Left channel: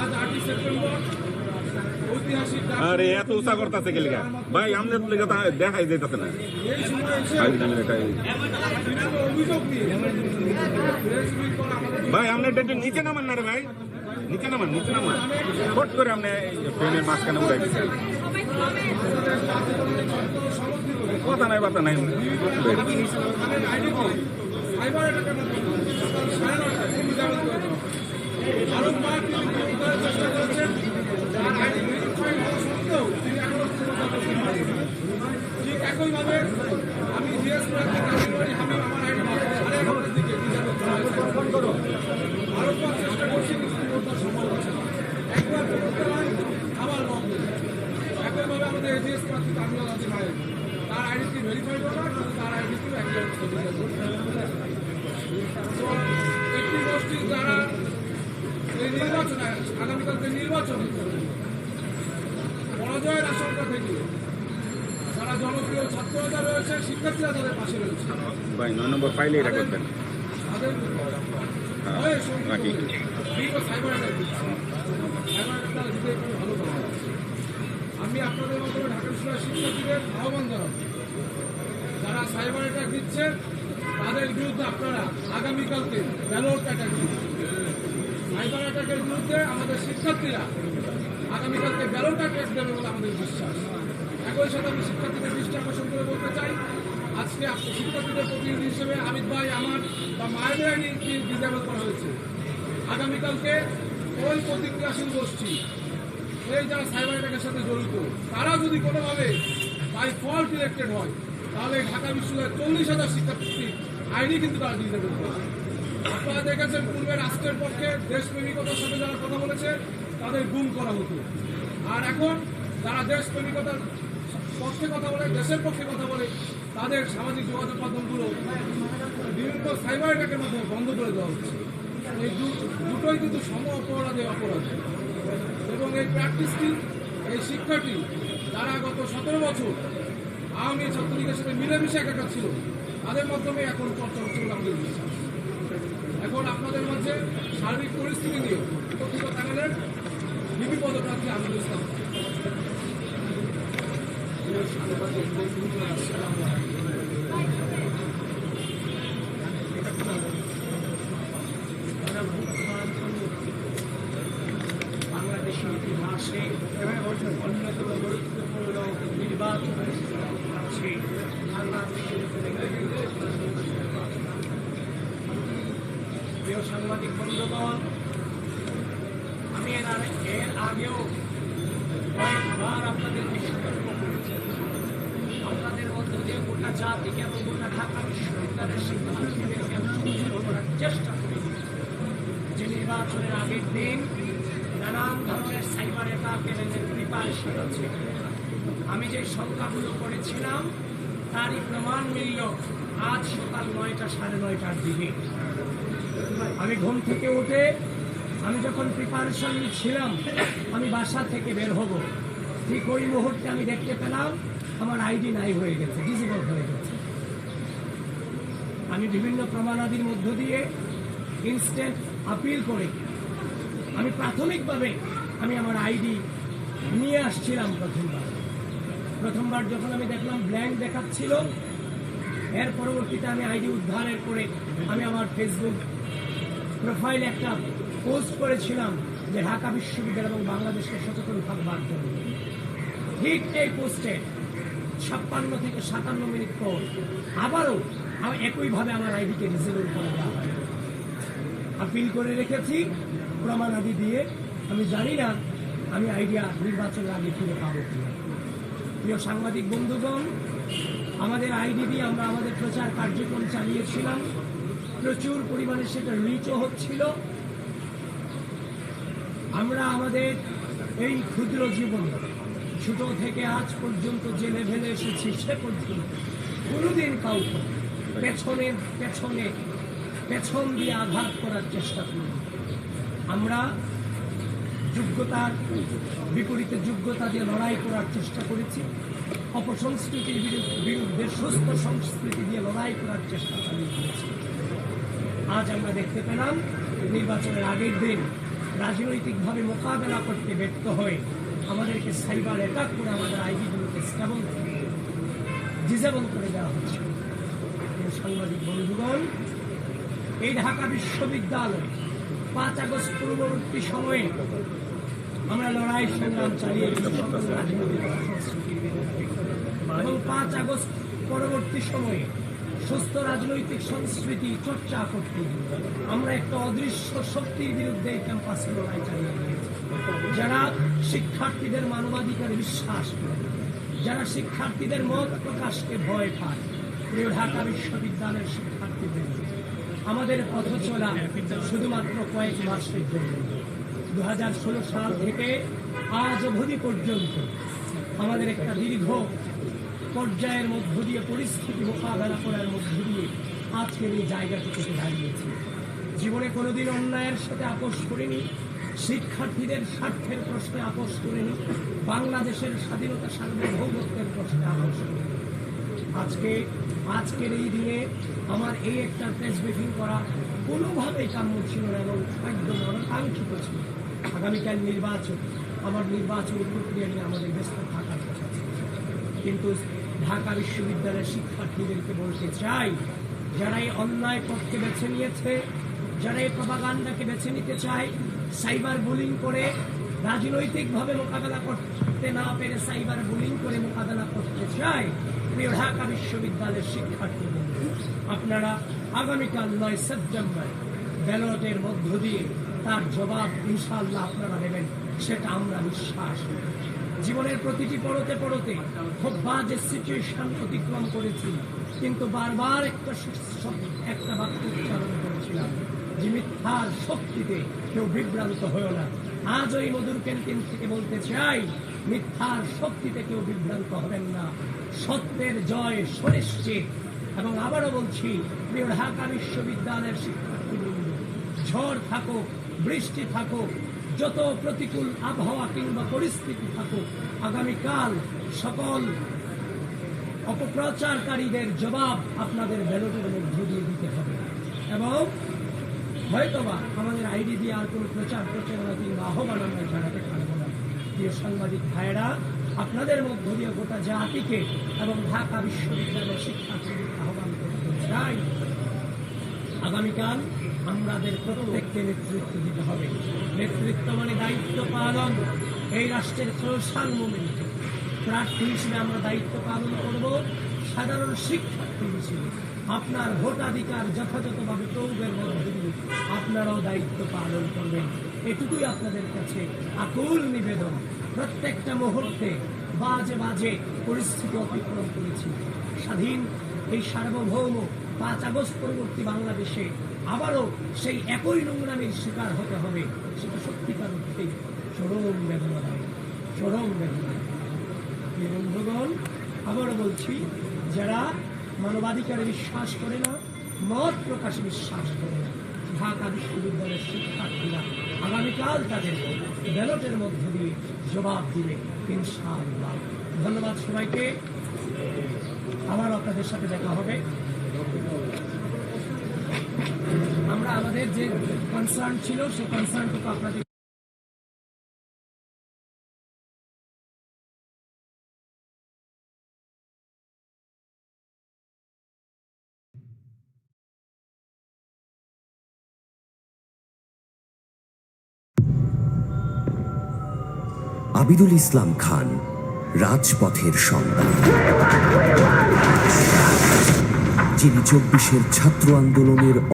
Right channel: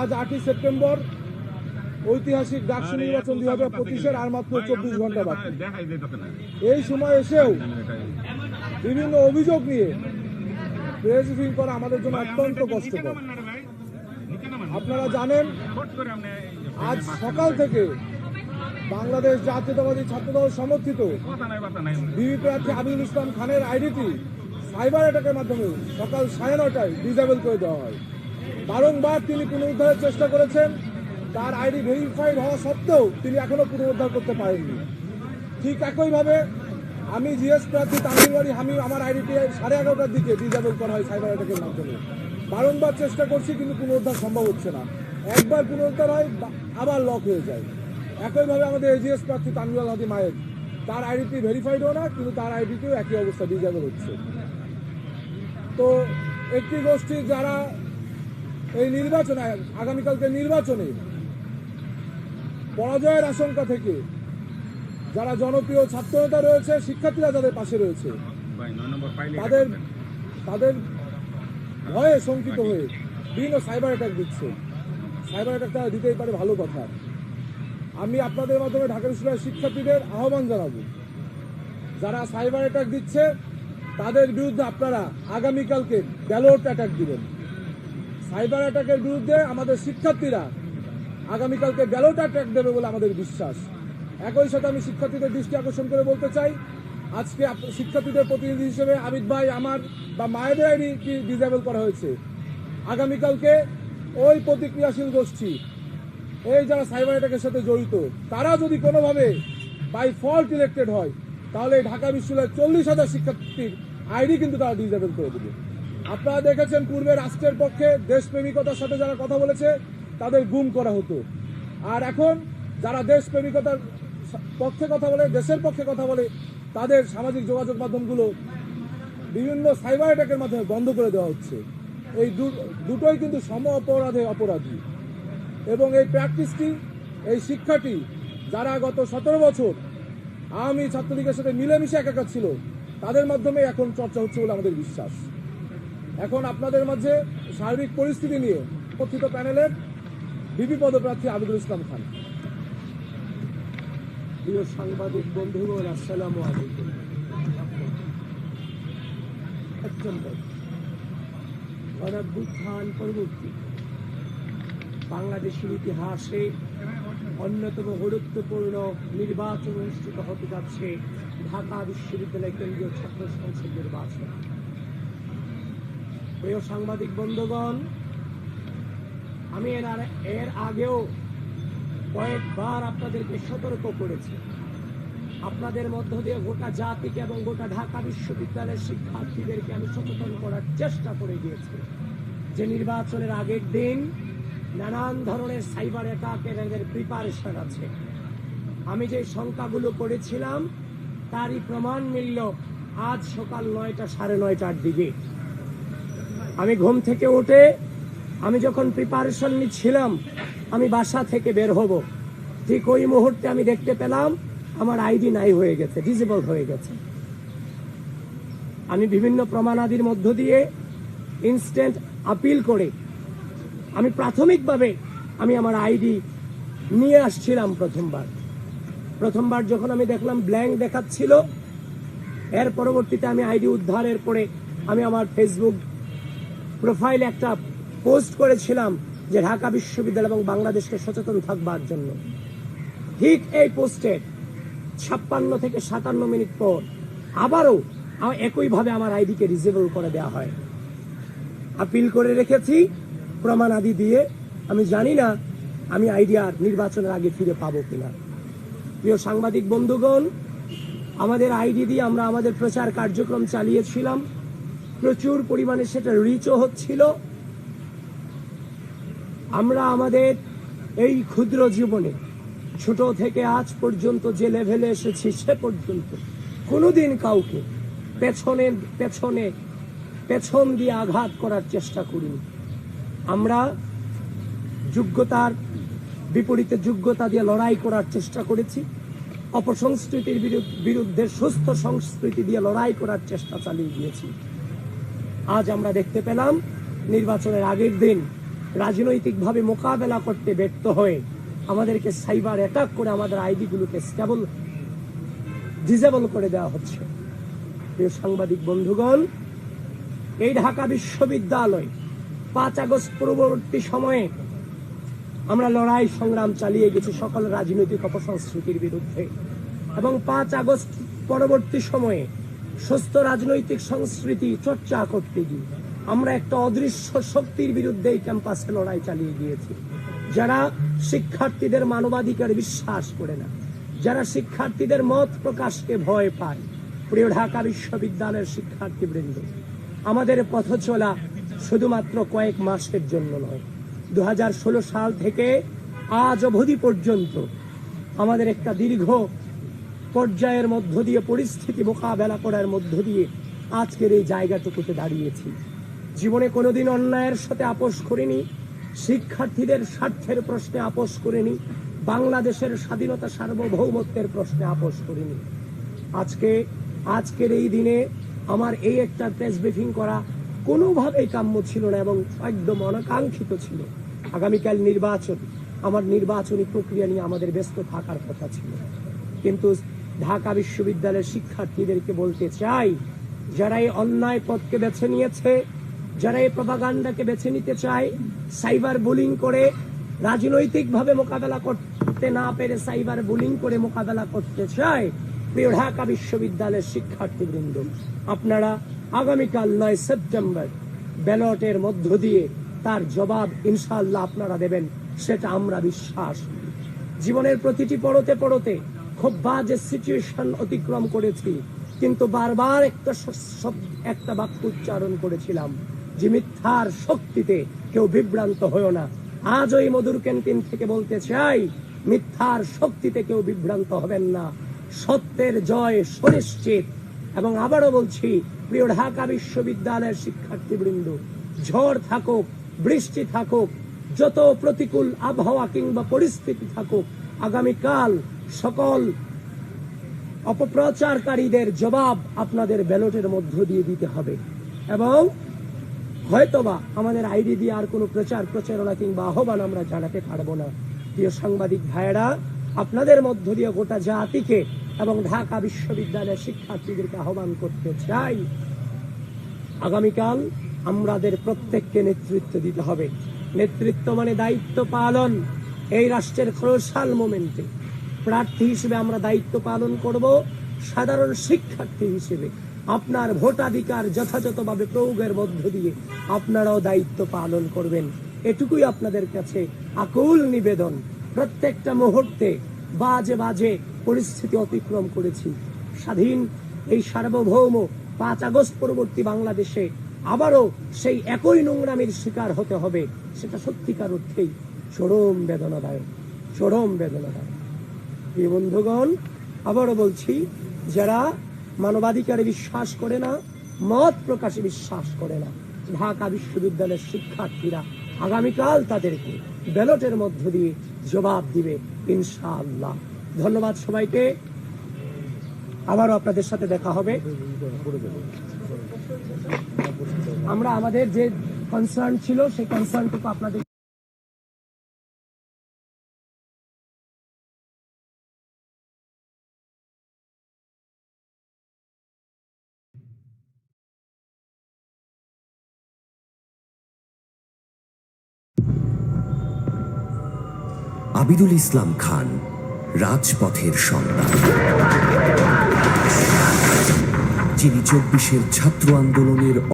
আজ আটই সেপ্টেম্বর ঐতিহাসিক এই সময় এসে বিভিন্ন অভিযোগ আমাদের বাংলাদেশ সমর্থিত কথা নাই নাই সকাল সাড়ে নটায় করে দেওয়া হয় বারংবার তিনি পুনরুদ্ধারের চেষ্টা করেছেন তার আইডি ভেরিফাইড হওয়া সত্ত্বেও তিনি এখনও পুনরুদ্ধার করতে পারেনি ঠিক একইভাবে আমি জিএস প্রার্থী তামিলবাড়ি আমি আমার আইডি সাড়ে এগারোটার দিকে রিজার্ভ বারংবার চেষ্টা করছি কিন্তু পুনরুদ্ধার সম্ভব হচ্ছে না একবার পুনরুদ্ধার হয় আবার লক হয়ে যায় একইভাবে আমাদের এজিএস প্রার্থী তামিল গান্ধী মায়ের তার আইডিটি ভেরিফাইড হয় না কিন্তু তার আইডিটিও একই অবস্থা দিয়ে যাবে তো একটি গোষ্ঠীর যারা এই নির্বাচনে আগামীকালকে নির্বাচনে পরাজয়ের আশঙ্কা থেকে যারা জনপ্রিয় ছাত্র নেতা রয়েছে শিক্ষার্থীরা যাদের পাশে রয়েছে তাদের ভয়ে শঙ্কিত হয়ে বিভিন্ন সাইবার অ্যাটাক দিচ্ছে সাইবার অ্যাটাকটা দিতেই পারে ভালো কথা আমি আপনাদের মাধ্যমে ঢাকা বিশ্ববিদ্যালয় শিক্ষার্থীদের আহ্বান জানাবো যারা সাইবার অ্যাটাক দিচ্ছে তাদের বিরুদ্ধে আপনারা আগামীকালকে ব্যালট অ্যাটাক দিবেন সাইবার অ্যাটাকের বিরুদ্ধে আমাদের শিক্ষার্থীরা আগামীকালকে ব্যালট অ্যাটাক দেবে বলে আমাদের বিশ্বাস একই সাথে আমি শিক্ষার্থীদের দৃষ্টি আকর্ষণ করে বলতে চাই আজকে শিক্ষার্থীদের প্রতিনিধি হিসেবে আমিত ভাই আমার বা মায়েদের আইনি ডিজেবল করা হয়েছে আগামীকালকে ওই প্রতিক্রিয়াশীল গোষ্ঠী এই যারা সাইবার অ্যাটাকের সাথে জড়িত তারা যদি কোনোভাবে বাই ফল্ট ইলেক্টেড হয় তাহলে ঢাকা বিশ্ববিদ্যালয়ের চল্লিশ হাজার শিক্ষার্থীর আইডি কিন্তু তারা ডিজেবল করবে আপনারা দেখেছেন পূর্বে রাষ্ট্রের পক্ষে দেশপ্রেমিকতার সাথে যারা কথা বলেছে তাদের গুম করা হতো আর এখন যারা দেশপ্রেমিকতার পক্ষে কথা বলে দেশের পক্ষে কথা বলে তাদের সামাজিক যোগাযোগ মাধ্যমগুলো বিভিন্ন সাইবার অ্যাটাকের মাধ্যমে বন্ধ করে দেওয়া হচ্ছে এই দুটোই কিন্তু সম অপরাধে অপরাধ এবং এই প্র্যাকটিসটি এই শিক্ষাটি যারা গত সতেরো বছর আওয়ামী ছাত্রলীগের সাথে মিলেমিশে একাকার ছিল তাদের মাধ্যমে এখন চর্চা হচ্ছে বলে আমাদের বিশ্বাস এখন আপনাদের মাঝে সার্বিক পরিস্থিতি নিয়ে উপস্থিত প্যানেলের বিবি পদপ্রার্থী আদিল ইসলাম খান সাংবাদিক বন্ধু আসসালাম বাংলাদেশের ইতিহাসে অন্যতম গুরুত্বপূর্ণ নির্বাচন সুযোগ পাচ্ছে প্রিয় সাংবাদিক বন্ধুগণ আমি এর আগেও কয়েকবার আপনাদের বিশ্বতর্ক করেছি আপনাদের মধ্য দিয়ে গোটা জাতিকে এবং গোটা ঢাকা বিশ্ববিদ্যালয়ের শিক্ষার্থীদেরকে আমি সচেতন করার চেষ্টা করে দিয়েছি যে নির্বাচনের আগের দিন নানান ধরনের সাইবার অ্যাটাক এবং প্রিপারেশন আছে আমি যে সংখ্যাগুলো করেছিলাম তারই প্রমাণ মিলল আজ সকাল নয়টা সাড়ে নয়টার দিকে আমি ঘুম থেকে উঠে আমি যখন প্রিপারেশন ছিলাম আমি বাসা থেকে বের হব ঠিক ওই মুহূর্তে আমি দেখতে পেলাম আমার আইডি নাই হয়ে গেছে ডিজেবল হয়ে গেছে আমি বিভিন্ন প্রমাণাদির মধ্য দিয়ে ইনস্ট্যান্ট আপিল করে আমি প্রাথমিকভাবে আমি আমার আইডি নিয়ে আসছিলাম প্রথমবার প্রথমবার যখন আমি দেখলাম ব্ল্যাঙ্ক দেখাচ্ছিল এর পরবর্তীতে আমি আইডি উদ্ধারের করে আমি আমার ফেসবুক প্রোফাইল একটা পোস্ট করেছিলাম যে ঢাকা বিশ্ববিদ্যালয় এবং বাংলাদেশকে সচেতন থাকবার জন্য ঠিক এই পোস্টে ছাপ্পান্ন থেকে সাতান্ন মিনিট পর আবারও একইভাবে আমার আইডিকে রিজেবল করে দেওয়া হয় আপিল করে রেখেছি প্রমাণ আদি দিয়ে আমি জানি না আমি আইডিয়া নির্বাচনের আগে ফিরে পাবো কিনা প্রিয় সাংবাদিক বন্ধুগণ আমাদের আইডি দিয়ে আমরা আমাদের প্রচার কার্যক্রম চালিয়েছিলাম প্রচুর পরিমাণে সেটা রিচও হচ্ছিল আমরা আমাদের এই ক্ষুদ্র জীবনে ছোট থেকে আজ পর্যন্ত যে লেভেলে এসেছি সে পর্যন্ত কোনোদিন কাউকে পেছনে পেছনে পেছন দিয়ে আঘাত করার চেষ্টা করিনি আমরা যোগ্যতার বিপরীতে যোগ্যতা দিয়ে লড়াই করার চেষ্টা করেছি অপসংস্কৃতির বিরুদ্ধে সুস্থ সংস্কৃতি দিয়ে লড়াই করার চেষ্টা চালিয়ে দিয়েছি আজ আমরা দেখতে পেলাম নির্বাচনের আগের দিন রাজনৈতিকভাবে মোকাবেলা করতে ব্যর্থ হয়ে আমাদেরকে সাইবার অ্যাটাক করে আমাদের আইডিগুলিকে স্টেবল ডিজেবল করে দেওয়া হচ্ছে সাংবাদিক বন্ধুগণ এই ঢাকা বিশ্ববিদ্যালয় পাঁচ আগস্ট পূর্ববর্তী সময়ে আমরা লড়াই সংগ্রাম চালিয়ে গেছি সকল রাজনৈতিক অপসংস্কৃতির বিরুদ্ধে এবং পাঁচ আগস্ট পরবর্তী সময়ে সুস্থ রাজনৈতিক সংস্কৃতি চর্চা করতে গিয়ে আমরা একটা অদৃশ্য শক্তির বিরুদ্ধে এই ক্যাম্পাসে লড়াই চালিয়ে দিয়েছি যারা শিক্ষার্থীদের মানবাধিকার বিশ্বাস করে না যারা শিক্ষার্থীদের মত প্রকাশকে ভয় পায় প্রিয় ঢাকা বিশ্ববিদ্যালয়ের শিক্ষার্থীদের আমাদের পথ চলা শুধুমাত্র কয়েক মাসের জন্য নয় দু সাল থেকে আজ অবধি পর্যন্ত আমাদের একটা দীর্ঘ পর্যায়ের মধ্য দিয়ে পরিস্থিতি মোকাবেলা করার মধ্য দিয়ে আজকের এই জায়গাটুকুতে দাঁড়িয়েছি জীবনে কোনোদিন অন্যায়ের সাথে আপোষ করিনি শিক্ষার্থীদের স্বার্থের প্রশ্নে আপোষ করিনি বাংলাদেশের স্বাধীনতা সার্বভৌমত্বের প্রশ্নে আপোষ করিনি আজকে আজকের এই দিনে আমার এই একটা প্রেস ব্রিফিং করা কোনোভাবেই কাম্য ছিল না এবং একদম অনাকাঙ্ক্ষিত ছিল আগামীকাল নির্বাচন আমার নির্বাচনী প্রক্রিয়া নিয়ে আমাদের ব্যস্ত থাকার কথা ছিল কিন্তু ঢাকা বিশ্ববিদ্যালয়ের শিক্ষার্থীদেরকে বলতে চাই যারা এই অন্যায় পথকে বেছে নিয়েছে যারা এই প্রভাগান্ডাকে বেছে নিতে চায় সাইবার বুলিং করে রাজনৈতিকভাবে মোকাবেলা করতে না পেরে সাইবার বুলিং করে মোকাবেলা করতে চায় প্রিয় ঢাকা বিশ্ববিদ্যালয়ের শিক্ষার্থীবৃন্দ আপনারা আগামীকাল নয় সেপ্টেম্বর ব্যালটের মধ্য দিয়ে তার জবাব ইনশাল্লাহ আপনারা দেবেন সেটা আমরা বিশ্বাস জীবনের প্রতিটি পড়তে পড়তে খুব বাজে সিচুয়েশন অতিক্রম করেছি কিন্তু বারবার একটা একটা বাক্য উচ্চারণ করেছিলাম যে মিথ্যার শক্তিতে কেউ বিভ্রান্ত হয়েও না আজ ওই মধুর ক্যান্টিন থেকে বলতে চাই মিথ্যার শক্তিতে কেউ বিভ্রান্ত হবেন না সত্যের জয় সুনিশ্চিত এবং আবারও বলছি প্রিয় ঢাকা বিশ্ববিদ্যালয়ের শিক্ষার্থীবৃন্দ ঝড় থাকুক বৃষ্টি থাকুক যত প্রতিকূল আবহাওয়া কিংবা পরিস্থিতি থাকুক আগামীকাল সকল অপপ্রচারকারীদের জবাব আপনাদের ব্যালটের মধ্য দিয়ে দিতে হবে এবং হয়তোবা আমাদের আইডি দিয়ে আর কোনো প্রচার প্রচারণা কিংবা আহ্বান আমরা জানাতে পারবো না প্রিয় সাংবাদিক ভাইয়েরা আপনাদের মধ্য দিয়ে গোটা জাতিকে এবং ঢাকা বিশ্ববিদ্যালয়ের শিক্ষার্থীদেরকে আহ্বান করতে চাই আগামীকাল আমাদের প্রত্যেককে নেতৃত্ব দিতে হবে নেতৃত্ব মানে দায়িত্ব পালন এই রাষ্ট্রের খরশাল মোমেন্টে প্রার্থী হিসেবে আমরা দায়িত্ব পালন করব সাধারণ শিক্ষার্থী হিসেবে আপনার ভোটাধিকার যথাযথভাবে প্রয়োগের মধ্য দিয়ে আপনারাও দায়িত্ব পালন করবেন এটুকুই আপনাদের কাছে আকুল নিবেদন প্রত্যেকটা মুহূর্তে বাজে বাজে পরিস্থিতি অতিক্রম করেছি স্বাধীন এই সার্বভৌম পাঁচ আগস্ট পরবর্তী বাংলাদেশে আবারও সেই একই নোংরামির শিকার হতে হবে সেটা সত্যিকার অর্থেই চরম বেদনাদায়ক চরম বেদনাদায়ক এই বন্ধুগণ আবারও বলছি যারা মানবাধিকারে বিশ্বাস করে না মত প্রকাশে বিশ্বাস করে না ঢাকা বিশ্ববিদ্যালয়ের শিক্ষার্থীরা আগামীকাল তাদেরকে ব্যালটের মধ্য দিয়ে জবাব দিবে ইনশাআল্লাহ ধন্যবাদ সবাইকে আবার আপনাদের সাথে দেখা হবে আমরা আমাদের যে কনসার্ন ছিল সেই কনসার্নটুকু আপনাদের আবিদুল ইসলাম খান রাজপথের সন্তান যিনি চব্বিশের ছাত্র আন্দোলনের